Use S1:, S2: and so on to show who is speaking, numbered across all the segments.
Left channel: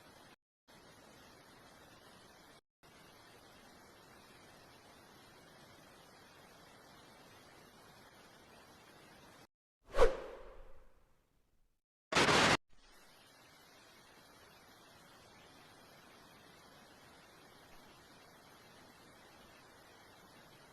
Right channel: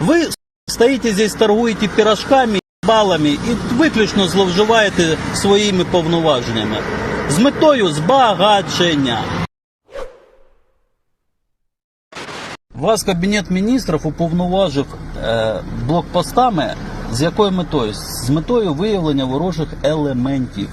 S1: Ви стоїте здесь, торгуєте пирожками, балами і виключно зловживаєте своїми повноваженнями з метою збагачення. Вас Кабінет міністрів уповноважив е, блокпостами з якою метою? З метою виявлення ворожих елементів.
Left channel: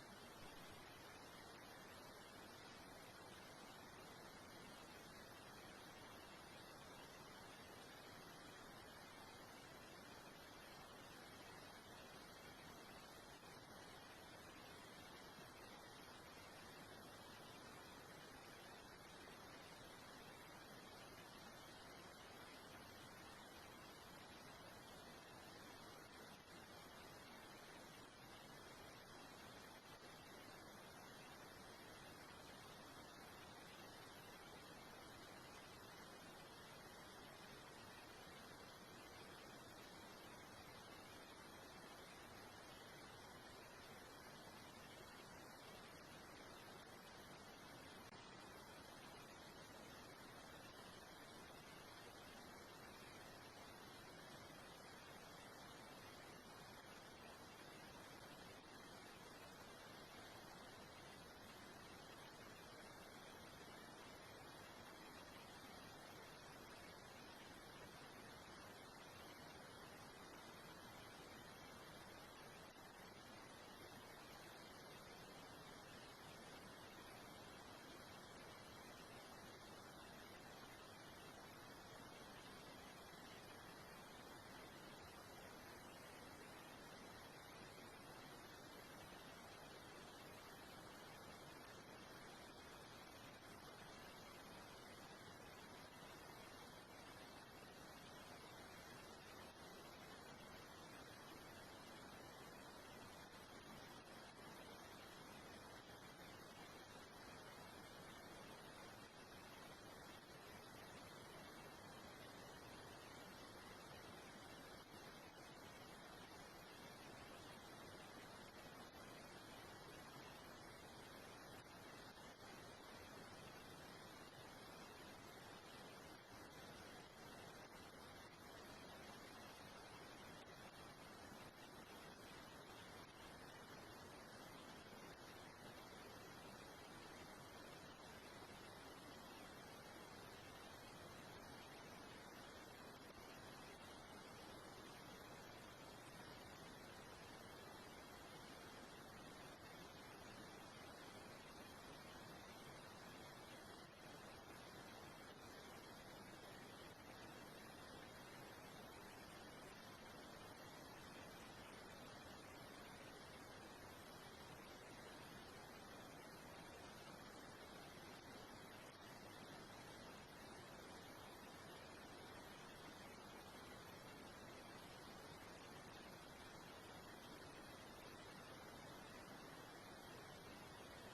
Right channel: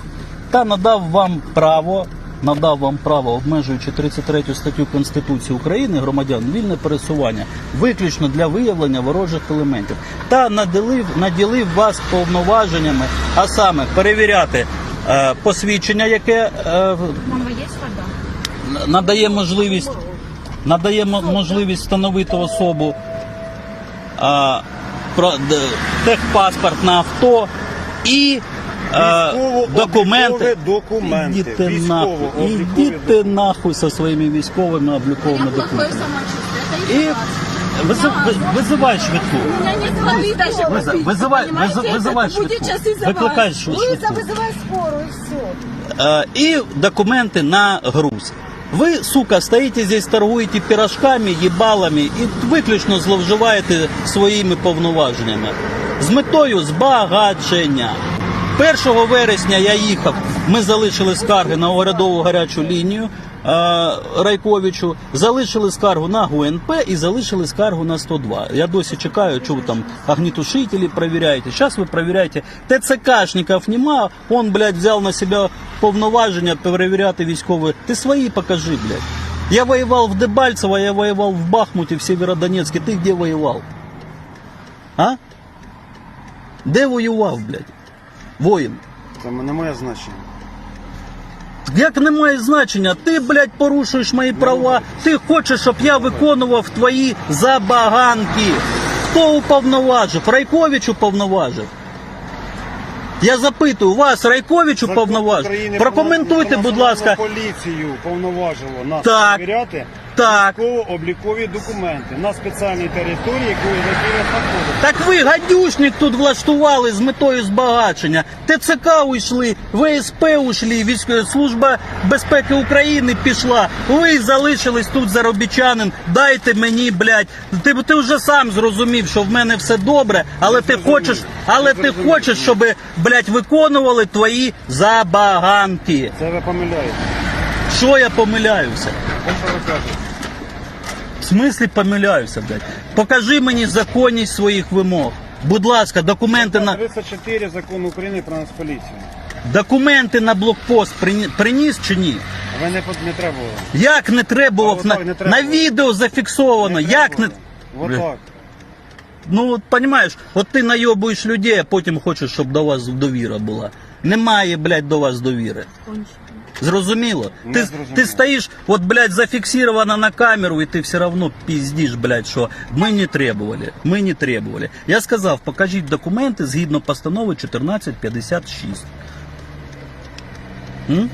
S1: Та надав вам право, надав вам право, обмежуючи 33 статтю Конституції України громадян вільне пересування, виключно для виявлення ворожих елементів. Та наділив, наділив вас повноваженнями, а саме перевіряти е, посвідчення, яке е, надає можливість надає можливість встановити особу а, про техпаспорт на авто і а,
S2: Військово-облікові
S1: документи.
S2: документи.
S1: Ідіть нахуй,
S2: Військово-облікові
S1: ідіть нахуй зі своїми військовими обліковими
S3: У меня плохое
S1: документами.
S3: самочувствие. Это
S1: І
S3: из-за вас.
S1: визи- ви- визивай швидку.
S3: У меня нет воды даже
S1: Вызов-
S3: попить,
S1: вызывай-
S3: понимаете?
S1: вызов- вызывай
S3: Это будет
S1: швидку.
S3: сейчас из-за
S1: Викликай
S3: вас.
S1: швидку.
S3: Лиза, вызывай скорую и все.
S1: Э, и документы на груз. Ви, сука, стоїте здесь, торгуєте пирожками, їбалами і виключно зловживаєте своїми повноваженнями з метою збагачення. 1 вересня я їхав, ми залишили скарги на урядову гарячу лінію е, Райковичу, залишили скаргу на ГУНП і залишили скаргу на 102. Я досі чекаю, ви там огнетушителі перевіряєте. Зараз ви перевіряєте. ТЦКшників нема, он, блядь, взяв на себе повноваження перевіряти військові. Ти свої покажи, блядь. Я воевал в Дебальцево, я воевал в Бахмуте, в Северодонецке. Ты где воевал? А? Де воював, блядь? Воїн.
S2: Це не моє значення.
S1: Як не має значення, ти, блядь, порушуєш мої права. Ти хочеш, щоб я виконував твої забаганки. Хто уповноважив? Райкович уповноважив. Я запитую вас, Райкович уповноважив?
S2: України
S1: Прокоментуйте, будь ласка.
S2: поліцію повноважило нас
S1: Так.
S2: перевіряти
S1: Так.
S2: військово-облікові документи на спеціальній території, якої ви знаходитесь.
S1: Так ви гадюшник тут влаштували з метою збагачення. ТЦК уйшли, ВСП уйшли, військова служба безпеки України пішла. Ви залишились тут заробітчанин. Дайте мені, блядь. Ти, ти вже сам зрозумів, що в мене все добре, але ти
S2: зрозумів.
S1: хочеш, але
S2: Я
S1: ти
S2: зрозумів.
S1: хочеш, щоб, блядь, виконували твої забаганки.
S2: Це ви помиляєте.
S1: Що я помиляюся?
S2: Те, що ви кажете.
S1: В смислі помиляюся, блядь. Покажи мені законність своїх вимог. Будь ласка, документи на
S2: 34 закону України про нас поліцію.
S1: документи на блокпост прині- приніс чи ні?
S2: Ви не, не треба.
S1: Як не требував на,
S2: отак не треба.
S1: на відео зафіксовано? як не
S2: Вот так.
S1: ну от понімаєш, от ти найобуєш людей, а потім хочеш, щоб до вас довіра була. Немає, блядь, до вас довіри.
S3: Кончено.
S1: Зрозуміло?
S2: Не
S1: Ти,
S2: зрозуміло.
S1: ти стоїш, от, блядь, зафіксировано на камеру, і ти все одно піздиш, блядь, що ми не требували, ми не требували. Я сказав, покажіть документи згідно постанови 1456. М?